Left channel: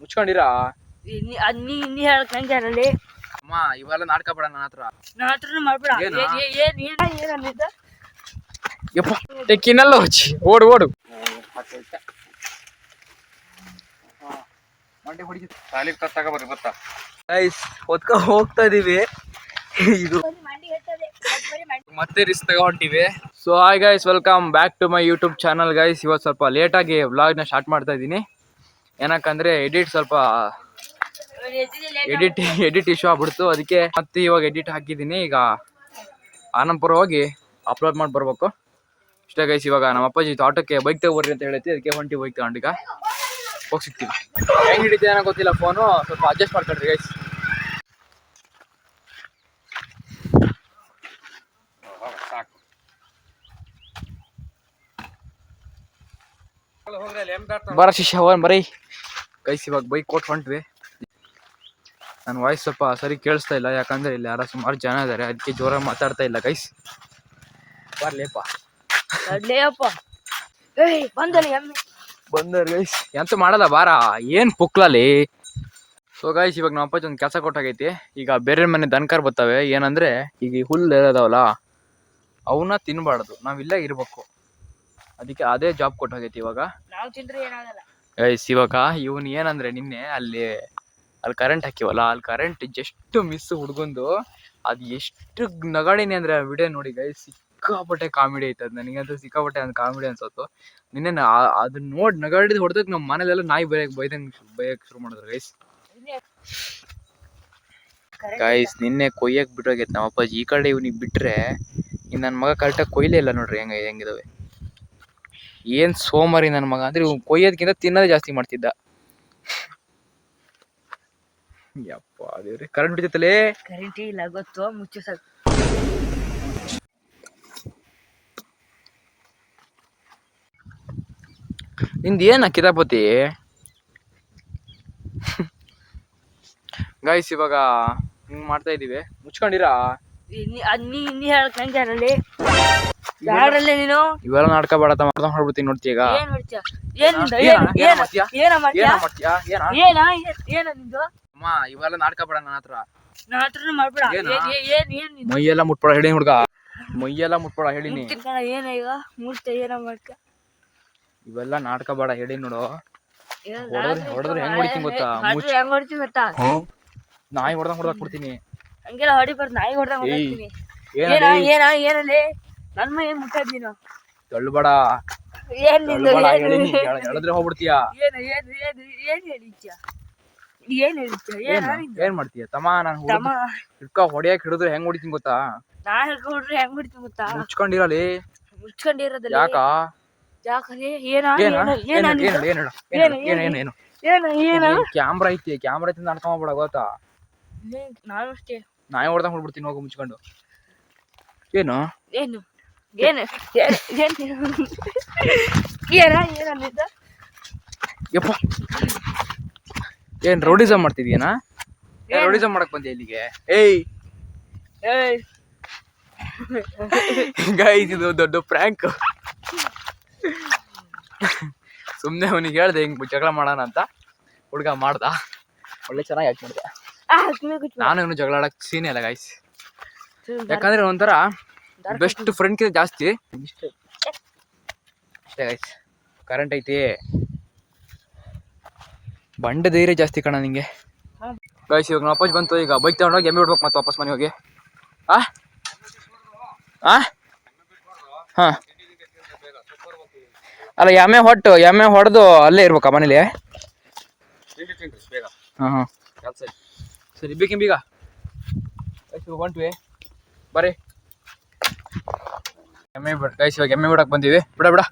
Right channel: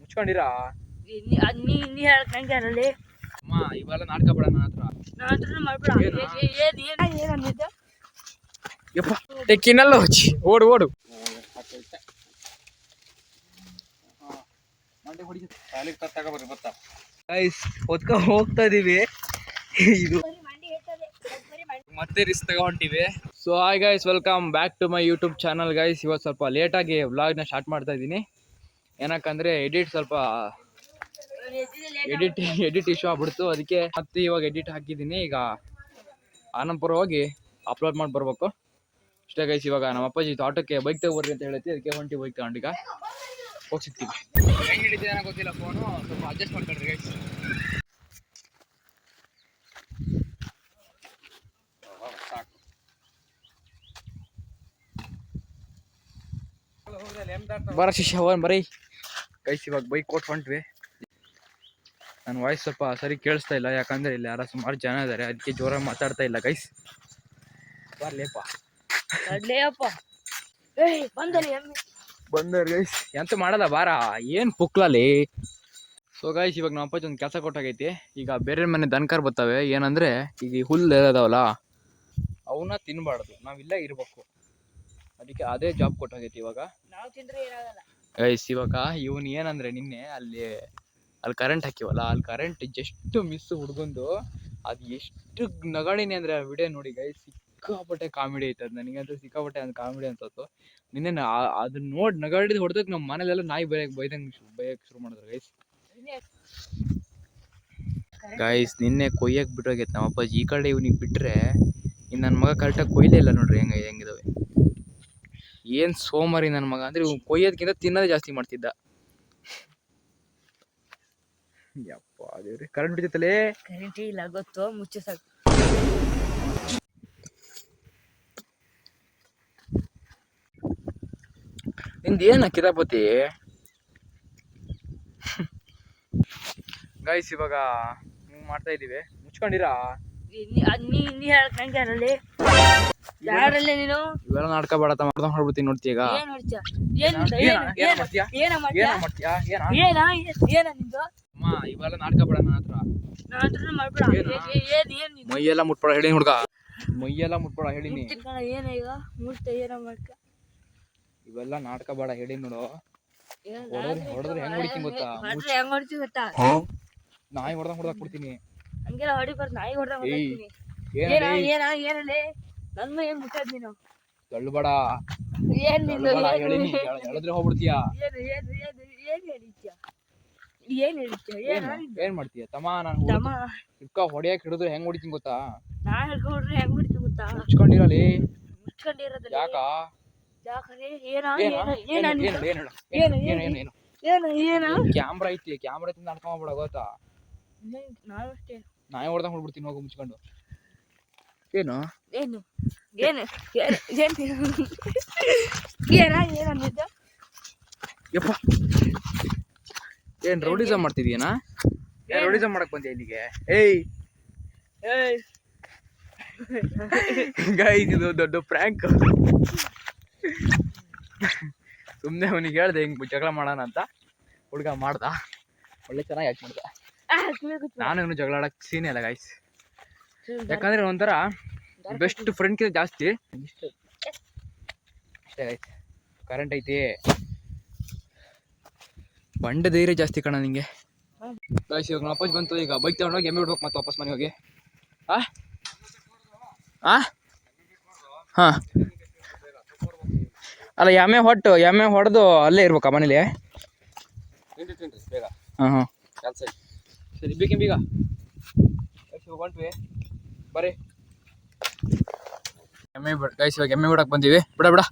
ಮುಚ್ಕೊಂಡಿರಾ ನೀ ಹೇಳ್ಕೊಂಡಿ ಅಮ್ಮ ಇವೆಲ್ಲ ನಾಟಕ ಬೇಡ ನನ್ನ ಹತ್ರ. ನನ್ನ ಹತ್ರ ಮಾಡ್ಬೇಡ. ಯಪ್ಪ ತೆಕ್ಕಿನಲ್ಲ ಹಚ್ಚಿ ಓಡು ಓಡು. ತಗೋಬರ್ರಿ ಗೊತ್ತಾ ಗೈಸ್, ಹೋಗ್ತಾ ಇದೀವಿ. ಇದು ಮತ್ತೆ ರಿಸ್ಕ್ ತಗೊಂಡಿವಿ. So hi guys, welcome back to my YouTube channel guys. ಇವತ್ತು ಸ್ವಲ್ಪ ಲೇಟಾಗಿ ವ್ಲಾಗ್ನ ಸ್ಟಾರ್ಟ್ ಮಾಡ್ತಾ ಇದ್ದೀನಿ. ಏನಕ್ಕಂದ್ರೆ ಎಡಿಟ್ ಸ್ವಲ್ಪ ಎಡಿಟ್ ಇಶ್ಯೂ ಆಗ್ಬಿಡ್ತು. ಅದಕ್ಕೆ ಮತ್ತೆ ಇವಾಗ ಎಡಿಟ್ ಹಾಕಿದ್ದೀನಿ. ಈಗ ಆನಂದಪುರ ಹೋಗಿ ಅಪ್ಲೋಡ್ ಮಾಡಿ ಬರ್ಬೇಕು ಇಷ್ಟೇ ಗೈಸ್. ಇವಾಗ ನಮ್ಮ ಅಪ್ಪಾಜಿ ಆಟೋಕ್ಕೆ ಬೈಕ್ ತಗೋರ್ರಿ ಅಂತ ಹೇಳೈತಿ, ಅದಕ್ಕೆ ಹೊಂಟಿ ಬೈಕ್ ತಗೊಂಡು ಈಗ ಹೋಗಿ ಸಿಗ್ತೀವಿ. ಹೆಂಗೆ ಹಿಡಿತೀವಿ ಏನೋ ಗೊತ್ತಿಲ್ಲ, ಫೋನು ಸ್ವಲ್ಪ ಅಡ್ಜಸ್ಟ್ ಮಾಡ್ಕೊಳ್ರಿ ಗೈಸ್. ಬರ ಶಿಷ್ಯ ಹೋಗೋಣ ಬರೀ ಗೈಸ್. ಇವಾಗ ಬೈಕ್ ಕೊಟ್ಟು ಹೊಂಟ್ವಿ. ನನ್ನ ವಾಯ್ಸ್ ಸ್ವಲ್ಪ ಸರಿ ಕೇಳಿಸ್ತಾ ಇಲ್ಲ, ಯಾಕಂದ್ರೆ ಇಲ್ಲಿ ಯಾರೋ ಸುಮಾರು ಜನ ಇದ್ದಾರೆ, ಅದಕ್ಕೆ ಜೋರಾಗಿ ಮಾತಾಡ್ತಾ ಇಲ್ಲ ಗೈಸ್. ಬರ್ಲೇಪ್ಪ ಬಂದರಿ ಗೈಸ್, ಎಂತ ಮಾಡಲ್ಲ ಬಾರ, ಏನ್ ಪುಕ್ಲಲ್ಲಿ. ಸೊ ಗೈಸ್, ಇವಾಗ ನಮ್ಮ ಅಪ್ಪಾಜಿ ಒಂದು ಕೆಲಸ ಕೊಟ್ಟಾಗೈತಿ. ಈಗ ಬೇರೆ ಮನೆ ದನಕಾರ್ ಬರ್ತವೆ. ಏನಂದ್ರೆ ಈಗ ಹುಲ್ಲು ಇದಾವಲ್ಲ, ಅವನ್ನ ತಿನ್ಬಾರ್ದು, ನಾವಿಲ್ಲೇ ಇರ್ಬೇಕು. ಅದಕ್ಕೆ ಅದೇ ಜಾಬ್ ಕೊಟ್ಟಾಗೈತಿ ಇವಾಗ ಗೈಸ್. ಇವಾಗ ಇವನ್ ಏನಂದ್ರೆ ನಿನ್ನೆ ಅಲ್ಲಿ ಕರೆಂಟ್ ಹಾಕಿವಲ್ಲ, ಅಲ್ಲಿ ಕರೆಂಟ್ ಜಸ್ಟ್ ಮಿಸ್ ಹುಡ್ಗೊಂಡು ಅದು ಎಷ್ಟು ನಗಾಡಿನಿ ಅಂದ್ರೆ ಆ ವಿಡಿಯೋ ನೋಡಿ ಗೈಸ್. ಸಿಕ್ಕಾಪಟ್ಟೆ ಕಾಮಿಡಿ ಐತದ, ನನಗಂತೂ ಸಿಕ್ಕಾಪಟ್ಟೆ ಒಂದು ಕಾಮಿಡಿ ಅನ್ಸತ್ತು. ನಿನ್ನೆ ಅದನ್ನ ನೋಡಿ ನಗಾಡಿದ್ ಹೊಡೆದಕ್ಕೆ ನಮ್ಮ ಮನೇಲೆಲ್ಲ ನಾಯಿ ಬೈಯಕ್ಕೆ ಶುರು ಮಾಡಿದ್ರು ಗೈಸ್. ಗೈಸ್ ನಿನ್ನೆ ಕೊಯ್ಯಕ್ಕೆ ಬಿಟ್ಟೋಗೈತೆ ನಮ್ಮ ಅಪ್ಪಾಜಿ. ಈ ಕಡೆ ಇವ್ನಿಗೆ ಬಿಟ್ರೆ ಇನ್ನು ನನ್ನ ಮಗ ಕರೆಕ್ಟಾಗಿ ಕೊಯ್ಲೇ ಇಲ್ಲ ನೋಡ್ರಿ ಹೆಂಗಿದಾವೆ. ಏನ್ ಸೋಮಾರಿ ನನ್ನ ಮಗ ಅಂದ್ರೆ, ಇವ್ ಕೊಯ್ಯೋದಕ್ಕಿಂತ ತಿನ್ನೋದೇ ಜಾಸ್ತಿ ಮಾಡ್ತಿದ್ದ. ಯಪ್ಪ ದೇವ್ರೆ, ಕರೆಂಟ್ ಬಿಡ್ತೈತಲೇ. ಕರೆಂಟ್ ಇಲ್ಲ ಗೊತ್ತು, ಮುಚ್ಚು ಸಾಕು. ನಿಂದ ಏನ ಕಿತಾಪತಿ ಗೈಸ್. ಇವಾಗ ಹಿಂಗ್ ಮಾಡ್ತಾ ಇದೀವಿ, ಮುಚ್ಕೊಂಡಿರಾ. ನೀ ಹೇಳ್ಕೊಂಡಿ ಯಾರಲ್ಲೇ ನೀನು ಇವೆಲ್ಲ ನಾಟಕ ಬೇಡ ಮಾಡ್ಬಿಡ್ತೀನಿ ನೋಡ್ತಿ. ಈಗ ಅಮ್ಮ ಇವೆಲ್ಲ ನಾಟಕ ಬೇಡ ನನ್ನ ಹತ್ರ. ಮೈಯೆಲ್ಲ ಮುಟ್ಬೇಡ ಹೇಳಿ ಹುಡ್ಗ, ಮೈಯೆಲ್ಲ ಮುಟ್ಬೇಡ ಹೇಳಿನಿ. ಇವೆಲ್ಲ ನಾಟಕ ಬೇಡ ಹೇಳಿ ನೋಡು. ಹೊಡೆದ್ರೆ ಹೆಂಗ್ ಹೊಡಿತೀನಿ ಗೊತ್ತಾ, ನಾಯಿ ಹೊಡೆದಂಗ್ ಕೊಡ್ತೀನಿ. ಹಂಗೆಲ್ಲ ಹೊಡಿಬಾರ್ದು, ನಾಯಿ ಹೊಡೆದಂಗ್ ಹೊಡಿತೀನಿ. ಏನಲ್ಲಿ ನನ್ ಮೈ ಮುಟ್ಟದ್ ನೀನು ತಳ್ಳುಬೇಡ, ಹೇಳಿದ್ರೆ ಹೋಗ್ಬಿಡ್ತೀಯ. ಏನ್ ಮಾಡ್ತೀಯ ತಮ್ಮ? ನಾನು ಹಿಡ್ಕ ಹೊಡಿಯಕ್ ಹಿಡಿದ್ರೆ ಹೆಂಗ್ ಹೊಡಿತೀನಿ ಗೊತ್ತಾ? ನಾ ಹಿಡ್ಕೊಂಡ್ರೆ ಹೆಂಗ್ ಹೊಡಿತೀನಿ ಗೊತ್ತಾ? ಮುಚ್ಕೊಂಡಿರಲಿ. ಮುಚ್ಕೊಂಡಿರೋದಿಲ್ಲ ಯಾಕ? ಕ್ಯಾಮ್ರಾ ಐತಿ, ಕ್ಯಾಮ್ರಾ ಐತಿ ನಡ್ಕೊಂಡ್ಬಿಡ ಗೊತ್ತಾ? ನಾನು ಅಷ್ಟೇ ನಾಯಿ ಹೊಡೆದಂಗ್ ಹೊಡ್ಬಿಡ್ತೀನಿ ಹೋಗಿ ಮುಚ್ಕೊಂಡು. ಏನು ಏನು ಯಪ್ಪ, ಏನ್ ರೌಡಿಸಮ್ ಮಾಡ್ತಿದ್ಯೇನಾ? ರೌಡಿಸಮ್ ಮಾಡಕ್ ಬಂದೆ ಇಲ್ಲಿಗೆ? ಏಯ್ ಗೈಸ್, ಇದು ದೊಡ್ಡ ಪ್ರ್ಯಾಂಕ್. ಸುಮ್ನೆ ಅವನಿಗೆ ಹೇಳ್ದೆ ಹಿಂಗ್ ಜಗಳ ಮಾಡೋಣ ಅಂತ, ಹುಡ್ಗ ಮಾಡ್ದ. ಒಳ್ಳೆ ಚೆನ್ನಾಗಿ ಆಕ್ಟ್ ಮಾಡಿದೆ. ನಾನು ಇವನು ಜಗಳ ಆಡಕ್ ಸೀನೇ ಇಲ್ಲ ಗೈಸ್, ಯಾಕಂದ್ರೆ ಒಂಥರ ಬೆಸ್ಟ್ ಫ್ರೆಂಡ್ಕಿಂತ ಜಾಸ್ತಿ ಅಷ್ಟೇ ಗೈಸ್. ಕರೆಂಟ್ ಐತಿ, ಬಂಡೆ ಧೈರ್ಯ ಜಾಸ್ತಿ ಕಣ ನಿಂಗೆ ಗೈಸ್. ಇವಾಗ ನಮ್ಮ ಅಪ್ಪಾಜಿ ಬಂತು, ಈಗ ಬೈಕ್ ತಗೊಂಡೋಗಿ ಎಮ್ಮೆ ಬಿಡ್ಬೇಕು ಮತ್ತೆ ವಾಪಸ್ ಮನೆ ಹೋಗಿ. ಹಾ ಅಲ್ಲ, ಎಮ್ಮೆ ಹೊಡೆದು ಅಲ್ಲೇ ಇರ್ಬೇಕಾ ಮನೇಲಿ? ಹಾಂ ಹಾಂ ಸರಿ, ಬೇಕೀಗ ಹೊಂಟ್ವಿ ಬರ್ರಿ. ಎಮ್ಮೆ ಬಿಡ ಗೈಸ್, ಇವಾಗ ಎಮ್ಮೆ ಬಿಡಕ್ಕೆ ಬಂದೀವಿ. ಬಿಡ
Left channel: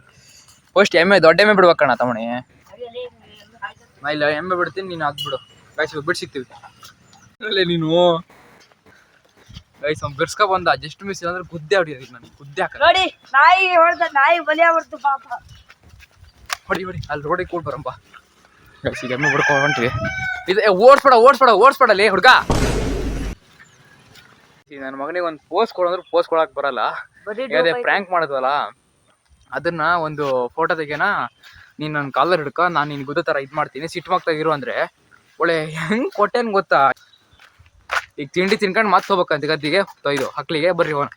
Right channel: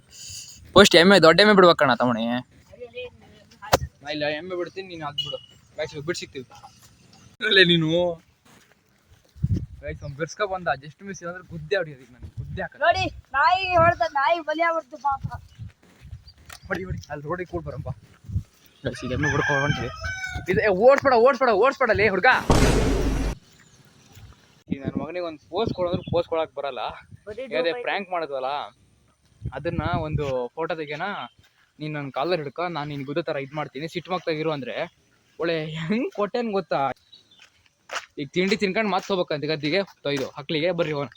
ಫಸ್ಟ್ ಎಮ್ಮೆ, ದೊಡ್ಡ ಎಮ್ಮೆ ಬಿಡ್ಬೇಕಣ್ಣ ತಮ್ಮಣಿ. ನಾ ಇಲ್ಲ ಎಮ್ಮೆ ಬಿಡ್ತೀನಿ, ನೀನು ಅದು ಬಿಡು ಗೈಸ್. ಇವಾಗ ಬಿಟ್ಟು ಸಿಗ್ತೀವಿ ಅಲ್ಲೇ ನೀನು ಗೈಸ್. ಅವ್ನು ಬಿಡ್ಸ್ಕೊ ಬಂದ, ಜಸ್ಟ್ ಮಿಸ್ ಅಂದ್ರೆ ಗುದ್ದೆ ಹೊಡಿಯೋದು ನನಗೆ, ಗುದ್ದೆ ಹಾಕ ನೋಡಿ. ನಾಯಿ ಬಲಿ ಆಗ್ಬಿಡ್ತು ಪಾಪ. ಹೊಡಿ ಅಲ್ಲಿ ರೋಡಿಗೆ ಕೂಡ ಬರಂಬ ಗೈಸ್. ಈಗ ಎಮ್ಮೆ ಬಿಡ್ಕೊಂಡು ಹೊಂಟ್ವಿ. ಇದು ಓಡಿಸ್ಬೇಡಲೇ ಹುಡ್ಗ. ಈಗ ನನ್ನ ಮಗನಿಗೆ ಒಂದು ಪೋಸ್ ಕೊಡಂದ್ರೆ ಪೋಸ್ ಕೊಡಕ್ ಬರಲ್ಲ. ಅದೇ ಪ್ರ್ಯಾಂಕ್ ಮಾಡಿದ್ವಲ್ಲ, ಅದನ್ನ ಒಂದು ಫೋಟೋ ತೆಗೆನ ನೀನು ನನ್ನ ಕಾಲರ್ ಹಿಡ್ಕ, ನಾನು ನಿನ್ ಗುದ್ದ ಥರ ಇದು ಮಾಡ್ತೀನಿ, ಸಿಟ್ಟು ಮಕ್ತಾಗಿರು ಅಂದರೆ ಒಳ್ಳೆ ಹೆಂಗೆ ಕೊಟ್ಟೇನು ಗೊತ್ತಾ. ಈಗ ತಿಂಡಿ ತಿನ್ಕೊಂಡು ಮತ್ತೆ ಹೋಗ್ಬೇಕಂತ ಗದ್ದಿಗೆ ಇದು ಹಕ್ಲಿಗೆ ಬರ್ರಿ ಹೋಗೋಣ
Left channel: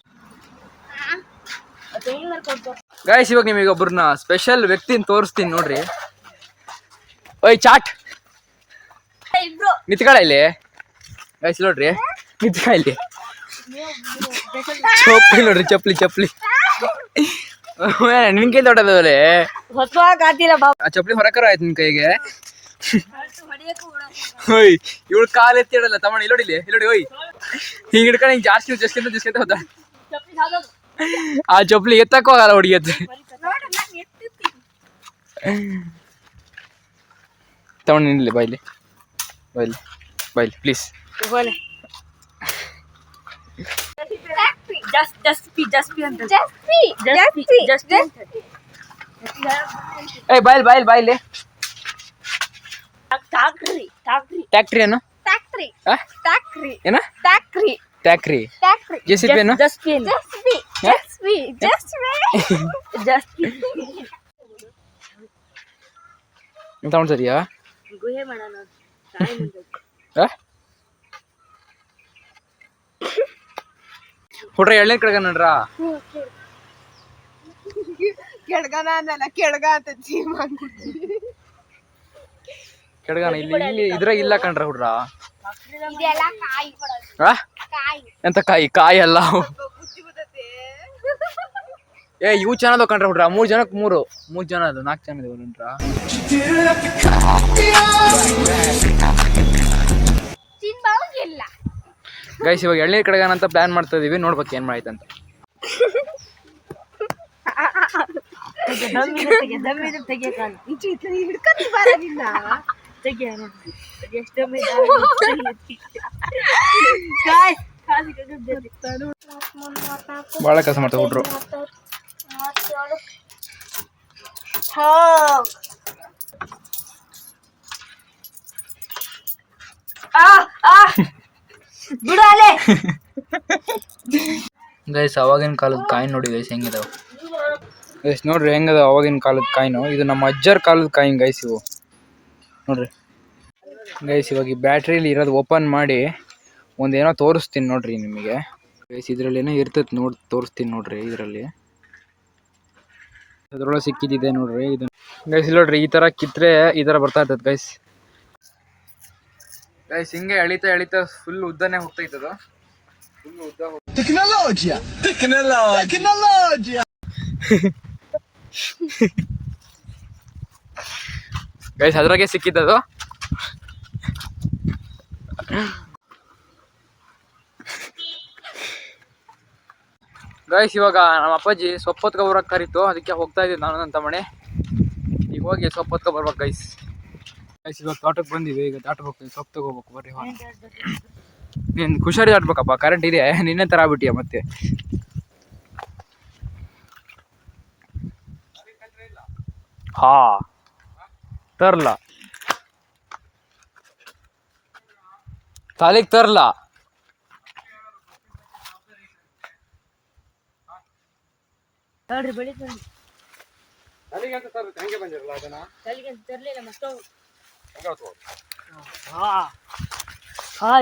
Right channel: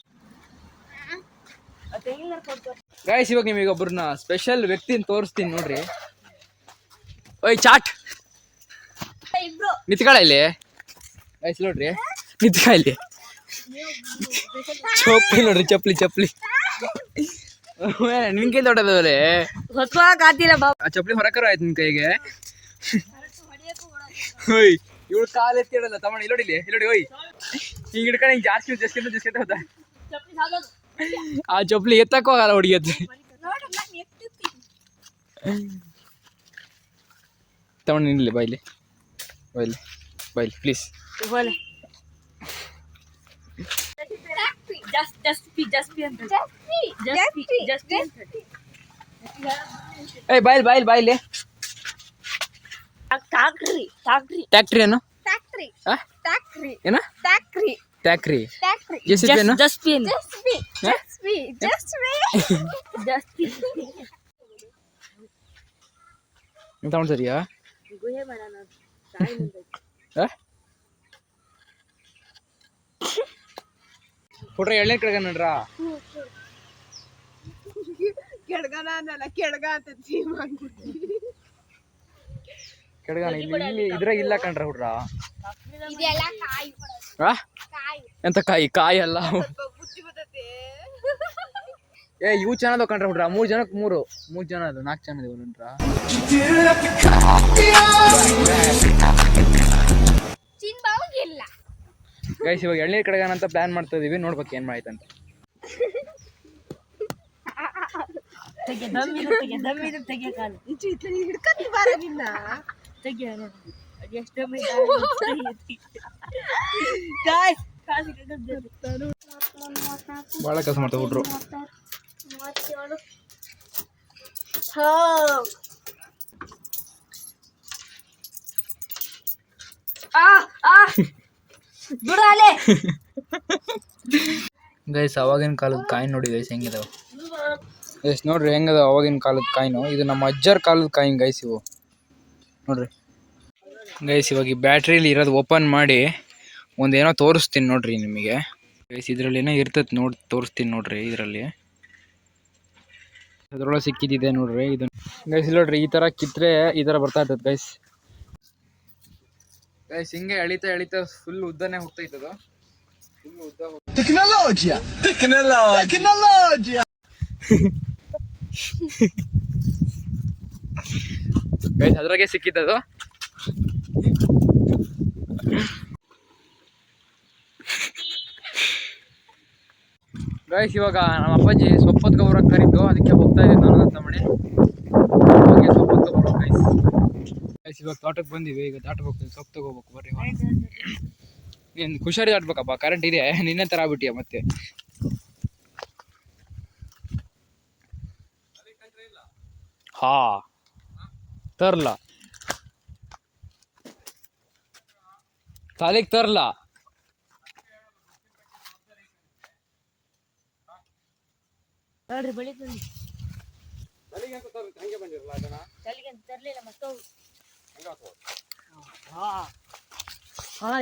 ಗೈಸ್. ಇವಾಗ ನಿಮಗೆ ಒಬ್ಬರನ್ನ ಸ್ಪೆಷಲ್ ವ್ಯಕ್ತಿನ ತೋರಿಸ್ತೀನಿ ನೋಡ್ರಿ. ಓಯ್ ಚಾಟ್ ನಿತ್ಕಳ ಇಲ್ಲಿ ಗೈಸ್, ನೋಡ್ರಿ ನಿತ್ಕ ಇಲ್ಲಿ. ಚಪ್ಪಲಿ ನೋಡ್ರಿ, ಚಪ್ಪಲಿ ನಿನ್ಕಿಂತ ದೊಡ್ಡದಲ್ಲೇ ಆ ಚಪ್ಪಲಿ ಹೊರಕರ ಆಯ್ತು ನಿನ್ ಕೈಗೆ. ಓಯ್ ಇವಳು ಕಾಲು ಎತ್ತಿ ಇಡಲ್ಲ ತಮ್ಮ, ಇಲ್ಲೋಡಿಲಿ ಇಲ್ಲೋಡಿ. ಓಯ್ ಹಿಂಗೆ ಹಿಡ್ಕೊಂಡು ಹಿಂಗೆ ಜಾಸ್ತಿ ಹೋದ ಆ ಚಪ್ಪಲಿ ಎತ್ತಕ್ಕೂ ಆಗಲ್ಲ ಹುಡುಗಿ ಎತ್ತು. ತಗೊಂಡು ನಿಲ್ಲಿ ಬಾಯ್ಲಿ ಪ್ಲೀಸ್. ಏ ಬಾಯ್ಲಿ ಟ್ಯಾಕ್ಟ್ರಿ ಏನು ಏನ ಟ್ಯಾಕ್ರಿ JCB ಏನು ತಗೊಂಡು ಸರಿಯಾ ಹುಡ್ರ ಎಳ್ನೇ ಕಡೆಗ ನೋಡ್ರ ಕೆಳಗನ ಇಲ್ಲಿ ಇದ್ರ ಇಲ್ಲ ಕಣ್ರ ಹುಡ್ರ. ಎಂತ ಕಾಯಿ ಅಲ್ಲ ಏ ಇವು ಚೆನ್ನಾದ ಕಣ್ರ ಹುಡ್ರ. 3 ಜನಕ್ಕೆ 3 ಜನ ಅದು 4 ಜನ ಇದಾವೆ ನೋಡ್ರ. ಗೈಸ್ ಇವಾಗ ಎಳ್ನೀರ್ ಕಡೆಗನ ಅಂತ ಪ್ಲಾನ್ ಮಾಡ್ತಾ ಇದೀವಿ, ನೋಡ್ಬೇಕು ಏನ್ ಮಾಡೈತಂತ. ಬಾಳ ಕೆಲಸ ಮಾಡ್ತಾ ಹುಡ್ರು. ಗೈಸ್ ಅವಾಗಿನ ಕಾಲದ ಕಾಯಿನ್ ನೋಡಿ ಗೈಸ್ ಹೆಂಗಿದಾವ ಗೈಸ್, ನೋಡ್ರಿ ಹೆಂಗದ ಅವಾಗಿನ ಕಾಲದ ಕಾಯಿನು. ಇದು ನಮ್ಮ ಅಜ್ಜರ ಕಾಲದ ಕಾಯಿನ್ ಗೈಸ್ ಇವು ನೋಡ್ರಿ ಗೈಸ್. ಇವಾಗ ಈ ಬ್ಯಾಟ್ರಿಲಿ ಇರೋದು ಓಪನ್ ಮಾಡಿ ಒಂದೇನೋ ತೋರಿಸ್ತೀನಿ ನೋಡ್ರಿ ನಿಮಗೆ ಗೈಸ್. ಇದ್ರಲ್ಲಿ ಏನೋ ಇರ್ತೈತೆ ತೋರಿಸ್ತೀನಿ ನೋಡ್ರಿ. ಇದರಲ್ಲಿ ಅದ್ರೊಳಗೆ ಸಿಕ್ಕಿದ್ದಿದೆ ನೋಡ್ರಿ ಇದು ಗೈಸ್. ನೋಡ್ರಿ ಈ ಥರ ಕಿತ್ತರೆ ಈ ಥರ ಬರ್ತಾ ಇರ್ತದೆ ಗೈಸ್. ಹಿಂಗೆ ಎಳಿತಾ ಫುಲ್ ಉದ್ದನೇ ಹೋಗ್ತೈತದು. ಟೆಕ್ನಾಲಜಿಯಾ ಗೈಸ್ ಅದ್ರಾಗೆ ಸಿಕ್ಕಿದ್ದದು. ಗೈಸ್ ಇವಾಗ ನಮ್ಮ ಅಪ್ಪಾಜಿ ಸೊಪ್ಪತ್ಕ ಬರೋಕೆ ಕರೀತು, ಅದಕ್ಕೆ ಹೋಗ್ತಾ ಇದ್ದೀನಿ ನಾನು ಅಂತ ಮನೆ. ಹೋಗಿ ಸೊಪ್ಪತ್ಕ ಬರ್ಬೇಕು ಗೈಸ್. ಇವಾಗ ತೋಟಕ್ಕೆ ಬಂದಿವಿ, ಈಗ ದಾಟಕ್ಕೆ ಹೋಗ್ತೀವಿ, ಸೊಪ್ಪು ತಗೋಬೇಕು ಬರ್ರಿ. ನೀನು ಖುಷಾರಿ ದಾಟ್ಬೇಕಪ್ಪ, ಕರೆಂಟ್ ಇದೆ ನಿನ್ನೆ ಥರ ಆಗ್ಬಿಟ್ಟಿಯ ಮತ್ತೆ. ಹಾ ತರ್ಲ ತಾಲಿಗೆ ತರ್ಲ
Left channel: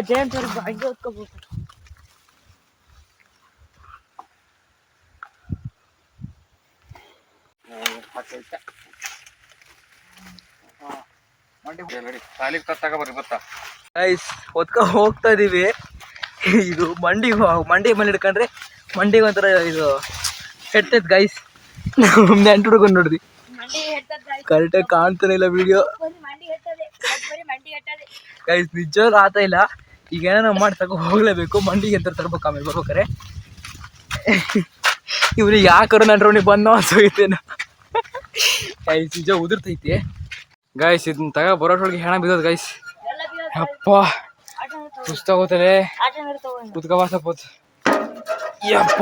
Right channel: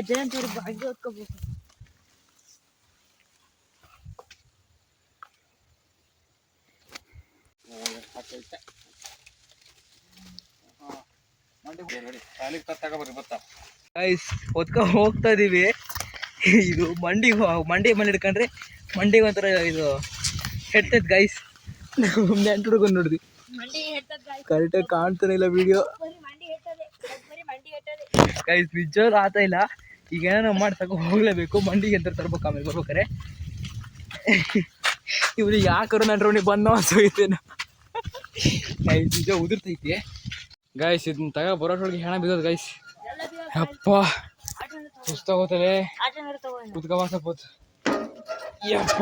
ಜಯಂತ್ ಹಂಗೆ ಓದ್ಕೋಬೇಕು. ಹೋಗ್ತಾ ಇದೀವಿ. ಇದು ಮಂಡಿ ಮೇಲೆ ಹಿಡ್ಕೊಂಡ್ರೆ ಮಂಡಿಗೆ ಒಂಥರ ಇದು ಕೆಟ್ಟದ್ ಗೈಸ್. ನೆಂಟು ಹುಡ್ಕೊಂಡು ನೋಡ್ದಿ ಕರೆಕ್ಟಾಗಿ ಕಾಣ್ತಾನೆ ಇಲ್ಲ ವಿಡಿಯೋ ಗೈಸ್. ನಿಜವಾಗ್ಲೂ ಆತ ಇಲ್ಲ. ಈಗ ಏನೋ ಮಾಡಿ ಹೋಗ್ಲೇಬೇಕು, ಮಂಡಿಗೆ ಅಂತ ತರ್ಬೇಕು ಆಮೇಲೆ ಬರ್ಬೇಕಾರೆ. ಇವ್ರಿಗೆ ಯಾಕರ ನನ್ರೋಣಿ ಬಂದೋ ಅನ್ಸೋಗೈತೇನ ಗೈಸ್. ನಿಜ ಉದುರ್ತೈತಿ ಗೈಸ್. ಇದನ್ನ ತಗ ಬರೋಟ್ರೊಳಗೆ ಹೆಣ ಬಿದ್ದೋದು ಗೈಸ್. ಅಪ್ಪ ಸುಸ್ತಾಗೋತದೆ, ಕುತ್ಕೋಬಾಸಪ್ಪತ್ತು ಯಪ್ಪ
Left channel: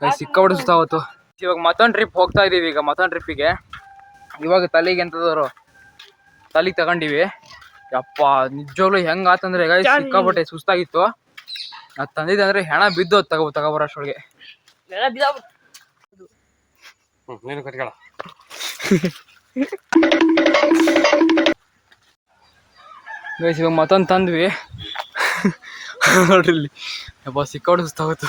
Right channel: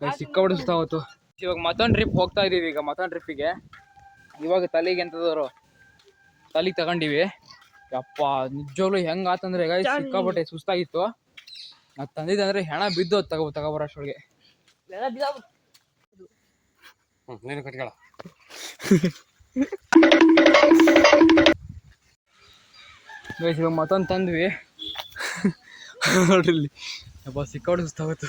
ಗೈಸ್. ಸಿಕ್ಕಾಬಿಟ್ಟು ಸುಸ್ತಾಗೋತು. ಇವಾಗ ಮತ್ತೊಂದು ಟ್ರಿಪ್ ಹೋಗ್ತಾ ಇದೀವಿ. ಈಗ ಮತ್ತೊಂದು ಟ್ರಿಪ್ಪಿಗೆ ಇವಾಗ ತಲೆಗೆ ಎಂತದವರು ತಲೆಗೆ ತಗೊಂಡಿವಿ. ಯಪ್ಪ ನಿಜವಾಗ್ಲೂ ಹೆಂಗ ಆತಂದ್ರೆ ಗೈಸ್ ಸಿಕ್ಕಾಬಿಟ್ಟೆ ಸುಸ್ತಾಗಿತ್ತು. ಅದು ತಂದಿದ್ದೆ ಅಂದ್ರೆ ಹೆಣ ಬಿದ್ದೋದು ತಗೋಬರೋಷ್ಟೊಳಗೆ. ಗೈಸ್ ಇವಾಗ ಮತ್ತೊಂದು ತಂದ್ವಿ. ನೋಡ್ರಿ ಇಲ್ಲಿ ಯಪ್ಪ ಸಿಕ್ಕಾಡು ಸುಸ್ತಾಗೋತು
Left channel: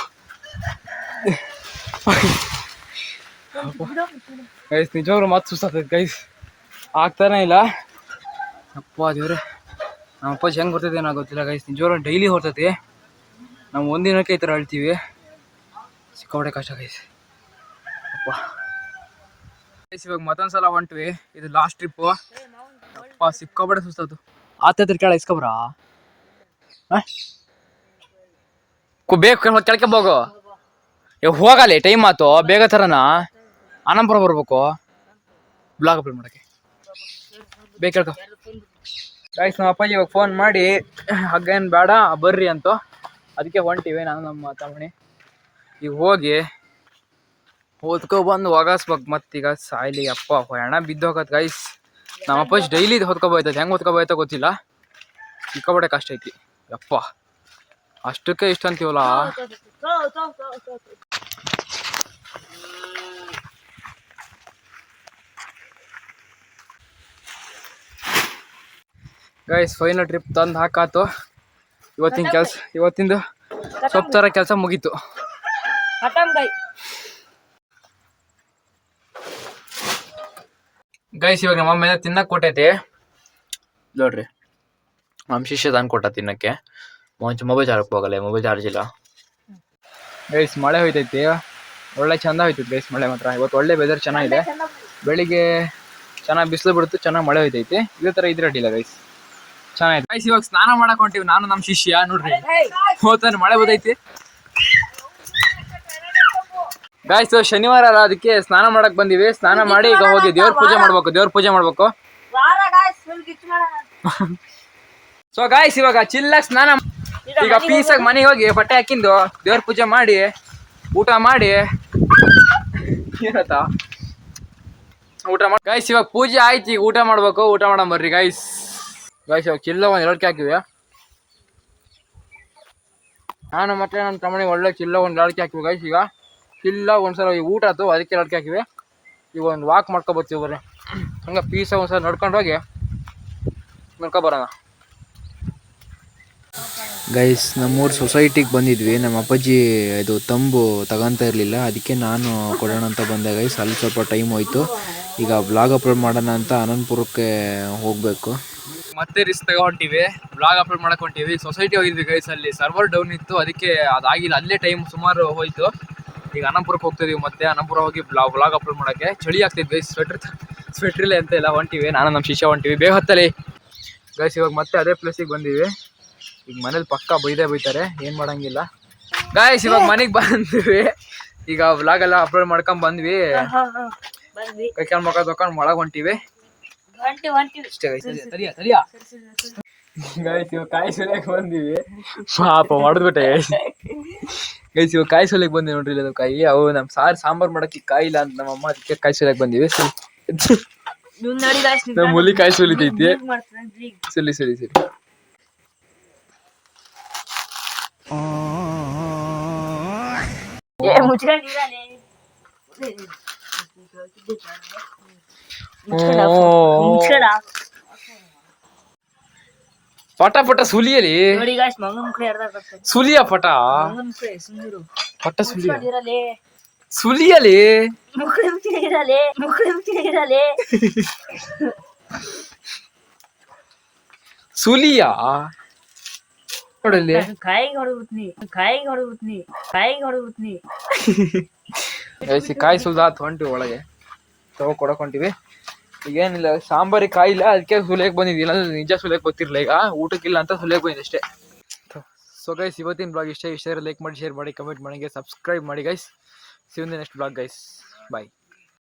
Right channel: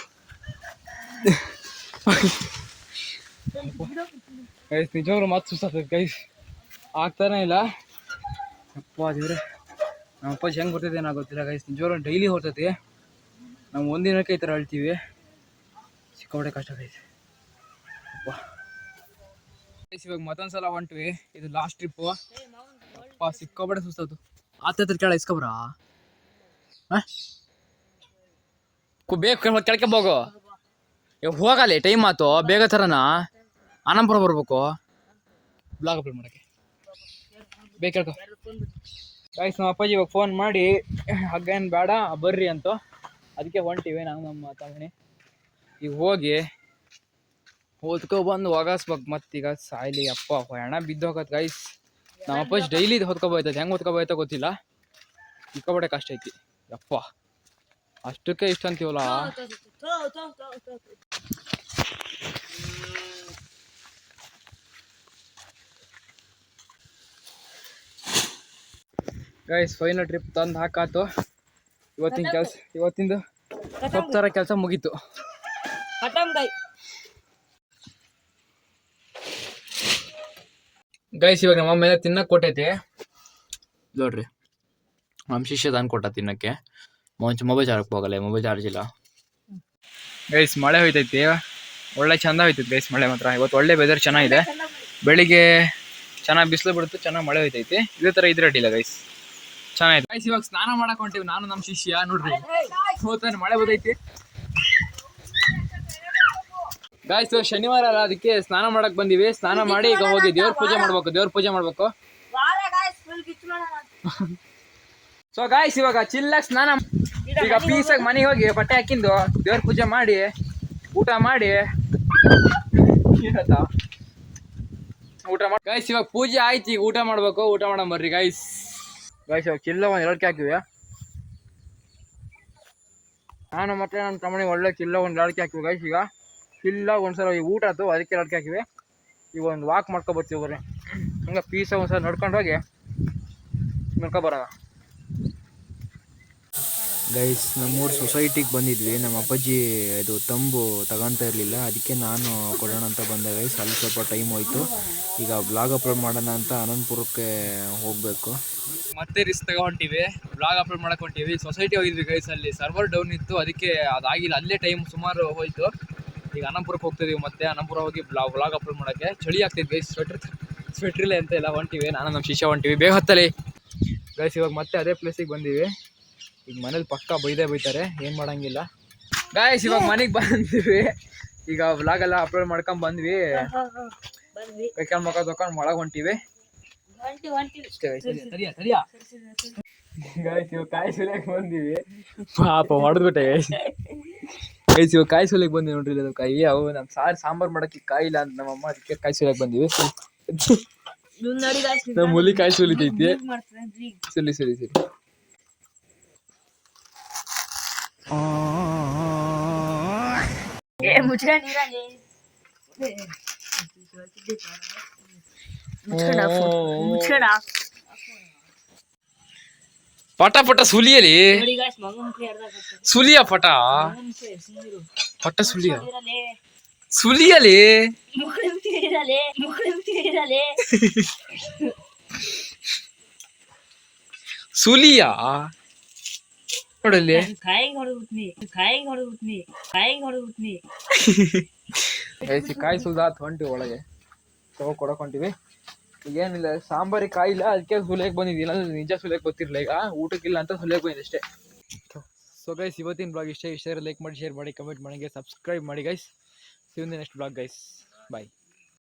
ಗೈಸ್. ನಿಜವಾಗ್ಲೂ ಮತ್ತೆ ಸುಸ್ತಾಗ್ತೈತೆ ಗೈಸ್, ಆಗ್ತಾನೆ ಇಲ್ಲ. ಅಪ್ಪ ದೇವ್ರೆ, ನಮ್ಮ ಅಪ್ಪಾಜಿ ಹೆಂಗೆ ಬರ್ತೈತೆ ಏನೋ ಗೊತ್ತಿಲ್ಲ ಗೈಸ್. ನಿಜವಾಗ್ಲೂ ಡೈಲಿ ಹೊರ್ತೈತಿ. ನಾವು ಒಂದಿನಕ್ಕೆ ಈ ಥರ ಅಳ್ತೀವಿ. ಸಿಕ್ಕಾಪಟ್ಟೆ ಕಷ್ಟ ಗೈಸ್. ಅಪ್ಪ ಗೈಸ್ ಇವಾಗ ಮತ್ತೊಂದು ಸಲ ಹೊಂಟ್ವಿ. ಇದು ಲಾಸ್ಟ್ ಟ್ರಿಪ್ಪು. ಅಪ್ಪ ಸಿಕ್ಕಾಪಟ್ಟೆ ಸುಸ್ತಾಯ್ತು. ಆತ ಕೇಳ ಇಸ್ಕೊಬ್ರಾ ಬೇಕು ಕೆಳಕ್ಕೆ ಹೋಗು. ಹೋಗಲಿ ಟೈಮ್ ಆಯ್ತು, ಬೇಗ ಥರನಾ ಆನಂದಪುರ ಬರ್ಬೇಕು ಬ್ಲಾಗ್ ಅಪ್ಲೋಡ್ ಮಾಡೋಕ್ಕೆ. ಬೇಗ ಕೇಳ್ಕೊ ಗೈಸ್. ನಮ್ಮ ಅಪ್ಪಾಜಿ ಇವಾಗ ಫೋನ್ ಮಾಡಿ ಹಗ್ಗ ಏನು ಬೇಡ ಬರ್ರಿ ಅಂತ, ಅದಕ್ಕೆ ಹೊಂಟಿವಿ ನಾನು ನಮ್ಮ ತಮ್ಮಣಿ. ಈಗ ಹೋಗಿ ಹೊತ್ಕೊಬಂದು ಒಗಾಸ್ಬೇಕು ಮತ್ತೀಗ ಸಾಯ್ಲಿ. ಅಪ್ಪ ಹೆಣ ಬಿದ್ದೋಗತ್ತೆ ಗೈಸ್. ನಮ್ಮ ಅಪ್ಪಾಜಿ ಡೈಲಿ ಹೊತ್ಕೊಬೋಯ್ತದೆ, ಹೆಂಗೆ ಹೊತ್ಕೊಬೋಯ್ತೋ ಗೊತ್ತಿಲ್ಲ. ಸಿಕ್ಕಾಪಟ್ಟೆ ಕಷ್ಟ ಐತಿ ಯಪ್ಪ. ಅಷ್ಟಕ್ಕೆ ಇಷ್ಟ ಅಂತೀವಲ್ಲ. ಗೈಸ್ ಫೈನಲ್ ಟ್ರಿಪ್ ತಂದು ಹಾಕಾತು. ಇವತ್ತಿಂದು ಸ್ವಲ್ಪ ಥರ ಕೆಲಸ ಮುಗೀತು ಗೈಸ್. ಇವಾಗ ನಮ್ಮ ಅಮ್ಮ ತಿನ್ನಕ್ಕೆ ಕೊಟ್ಟೈತಿ ನೋಡ್ರಿ. ನಮ್ಮ ಶಿಷ್ಯ ತಂದು ಕೊಟ್ಟ ತಿನ್ನಕ್ಕೆ. ಮೊಬೈಲ್ ಚಾರ್ಜ್ ಹೋಗಲ್ಲ, ಮೊಬೈಲ್ ಚಾರ್ಜ್ ಇಲ್ಲ ಗೈಸ್. ಮಳೆ ಹೋಯ್ತೈತಿ, ಒಳ್ಳೆ ಚಂದ ಹೋಯ್ತೈತಿ ಗೈಸ್ ಮಳೆ ಮಾತ್ರ. ಇವತ್ತು ಒಳ್ಳೆ ವೆದರ್ ಚೆನ್ನಾಗಿದೆ. ಬೆಳಿಗ್ಗೆ ಚೆನ್ನಾಗಿ ಬಿಸಿಲು ಬಿಡುತ್ತೆ, ಚೆನ್ನಾಗಿ ಮಳೆ ಹೋಯ್ತೈತಿ. ಇದೇ ಥರ ಇದ್ರೆ ಅಡ್ಡಿಲ್ಲ ಗೈಸ್, ಚೆನ್ನಾಗಿದೆ ಗೈಸ್. ಇವಾಗ ಸ್ನಾನ ಮಾಡಕ್ ಹೊಂಟಿವಿ ನಾನು ನಮ್ಮ ಶಿಷ್ಯ. ನೋಡ್ರಿ ಹೋಗ್ತಾನೆ ಮಳೆ ಬದೈತಿ ಗೈಸ್. ಶನಿವಾರ ಅಲ್ಲ, ಅದಕ್ಕೆ ಸ್ನಾನ ಮಾಡಕ್ ಬಂದಿವಿ. ಸ್ನಾನ ಮಾಡಿ ಈಗ ಹೋಗಿ ದೇವ್ರ ಪೂಜೆ ಮಾಡ್ಬೇಕು. ಸೊ ಗಾಯ್ಸ್ ಇವಾಗ ಚಿಲ್ಲಾಗಿ ಸ್ನಾನ, ಈಗ ಪೀಸಾಗಿ ಮನೆಗೆ ಹೋಗಿ ಬಟ್ಟೆ ಹಾಕಿಂದು ದೇವ್ರ ಪೂಜೆ ಮಾಡಿ ಊಟ ಮಾಡಿ ಊಟ ಮಾಡಿ ಗೈಸ್. ಇವಾಗ ಪೂಜೆ ಆಯ್ತು, ಈಗ ಊಟ ಮಾಡ್ಬೇಕು. ಊಟ ಮಾಡೋಣ ಬರ್ರಿ ಗೈಸ್. ಇವಾಗ ಚಿಲ್ಲ ಒಂದು ಲಡ್ಕೆ ಹಾಕಿವಿ ನಾನು ಮತ್ತೆ ನನ್ನ ತಮ್ಮನಿಗೆ. ಒಳ್ಳೆ ಚಿಲ್ಲ ಒಂದು ಲಡ್ಕೆ ಹಾಕಿವಿ ಗೈಸ್. ಈಗ ಚಿಲ್ಲ ಒಂದ್ಸಲ ಈ ಊಟ ಆಯ್ತು, ಅದಕ್ಕೆ ಲಡ್ಕೆ ಹಾಕಿವಿ. ಈಗ ಒಂದು ವಾಕ್ ಮಾಡ್ಕೊಬರ್ತೀವಿ ಬರ್ರಿ. ಹಂಗೆ ಪೀಸಾಗಿ ಒಂದ್ಸಲ ನಡ್ಕೊಂಡು ಹೋಗಿ ಬರೋಣ ಗೈಸ್. ನಮ್ಮೂರು ಸೊಸೈಟಿಗೆ ಬಂದಿದ್ವಿ. ನಮ್ಮ ಅಪ್ಪಾಜಿ ಇದು ತಂಬು ತಗೊತಾ ಇರಲಿಲ್ಲ, ಅದಕ್ಕೆ ನಾನು ಕೊಡೋಣ ಅಂತ ಬಂದೆ ಗೈಸ್. ಅಲ್ಲಿ ಸ್ವಲ್ಪ ಟೈಮ್ ಹೋಯ್ತು. ಈಗ ಬ್ಲಾಗ್ ಅಪ್ಲೋಡ್ ಮಾಡೋಣ ಅಂತ ಅನಂತಪುರಕ್ಕೆ ಹೋಗಬೇಕು. ಮತ್ತೆ ರಿಸ್ಕ್ ತಗೊಂಡಿವಿ, ಬ್ಲಾಗ್ ಅಪ್ಲೋಡ್ ಮಾಡಕ್ ಹೊಂಟಿವಿ. ಸೊಸೈಟಿ ಹೋಗಿದ್ವಿ ಗೈಸ್, ಅಲ್ಲಿ ಸರ್ವರ್ ಡೌನ್ ಇತ್ತು, ಅದಕ್ಕೆ ಅದಾಗಿಲ್ಲ. ಅಲ್ಲೇ ಟೈಮ್ ಸುಮಾರು ಹೋಯ್ತು. ಈಗ ಅನಂತಪುರಕ್ಕೆ ಹೋಗ್ತಿದೀವಿ. ಮತ್ತೆ ಅನಂತಪುರ ಹೋಗಿ ಬ್ಲಾಗ್ ಅಪ್ಲೋಡ್ ಮಾಡೋಕ್ಕೆ. ಚಳಿ ಆಗ್ತಿದ್ವಿ ಗೈಸ್, ಸ್ವೆಟ್ರಿಲ್ಲ ಅಂತ ಎಲ್ಲ ಹೊಂಟಿವಿ. ನಾನು ನಮ್ಮ ಶಿಷ್ಯ ಹೊಂಟಿವಿ. ಬೇಗ ಹತ್ತಲಿ ಗೈಸ್. ಇವಾಗ ಮತ್ತೆ ಅದೇ ಪ್ಲೇಸಿಗೆ ಬಂದಿವಿ. ಈಗ ಮನೇಲಿ ಪಕ್ಕ ಬೈತಾರೆ, ಏನು ಮಾಡೋಂಗಿಲ್ಲ ಗೈಸ್. ಇವಾಗ ಮನೆಗೆ ಬಂದ್ವಿ. ಈಗ ವ್ಲಾಗ್ ಎಲ್ಲ ಅಪ್ಲೋಡ್ ಮಾಡ್ಕೊಂಡ್ ಬಂದ್ವಿ. ಕೈ ಕಾಲು ಮುಖ ತೊಗೊಂಡು ಒಳಗೆ ಹೊಂಟಿವಿ ಅಷ್ಟೇ ಗೈಸ್. ಗೈಸ್ ಇವಾಗ ಕಾಯಿ ಸುಲಿಯಕ್ಕೆ ಬಂದಿವಿ. ಪಾಪ ಹೊಡೆದ್ಬಿಟ್ಟೆ ಗೈಸ್. ಇವಾಗ ಕಾಯಿ ಸುಲಿಯಕ್ಕೆ ಬಂದಿವಿ ನೋಡ್ರಿ. ಅದು ಕಾಯಿ ಅವು ನಮ್ಮ ಸಾಂಬಾರು ಮಾಡೋಕ್ಕೆ ಕಾಯಿ ಇಲ್ಲ ಅಂತ ನಮ್ಮ ಅಮ್ಮ, ಅದಕ್ಕೆ ಕಾಯಿ ಸುಲಿಯಕ್ಕೆ ಬಂದಿವಿ. ನಮ್ಮ ಹುಲಿ ಕಾಯಿ ಸುಲಿತೈತಿ. ಸರಿ ಪಟ ಸುಲಿಯಲಿ ಸುಲಿಯ ಪಟ ಸುಲಿಯಲಿ ಸುಲಿಯ ನೋಡಲ್ಲಿ ಕಾಯಿ ಸುಲ್ದಾತ್ ಹೊಂಟಿವಿ ಒಳಗೆ ಕೊಡಕ್ ಹೊಂಟಿವಿ. ಈಗೇನಿಲ್ಲ, ಸಾಂಬಾರಿಗೆ ಕಾಯಿ ಇಲ್ಲ, ಅದಕ್ಕೆ ಸುಲಿಯಕ್ಕೆ ಬಂದಿದ್ವಿ. ಇಲ್ಲ ನಿಜ ಸುಲಿಯಕ್ಕೆ ಗೊತ್ತಿರಲಿಲ್ಲ. ಈಗ ಊಟಕ್ಕಿಲ್ಲ ಅಂತ ಸುಲಿಯಕ್ಕೆ ಬಂದಿದ್ದೆ ಅಷ್ಟೇ. ಸೊ ಗೈಸ್ ಇವತ್ತಿನ ಬ್ಲಾಗ್ ಇಷ್ಟ ಲೈಕ್ ಮಾಡಿ, ಶೇರ್ ಮಾಡಿ, ಕಮೆಂಟ್ ಮಾಡಿ, ಸಬ್ಸ್ಕ್ರೈಬ್ ಮಾಡಿ guys. See you in the next blog guys. Bye.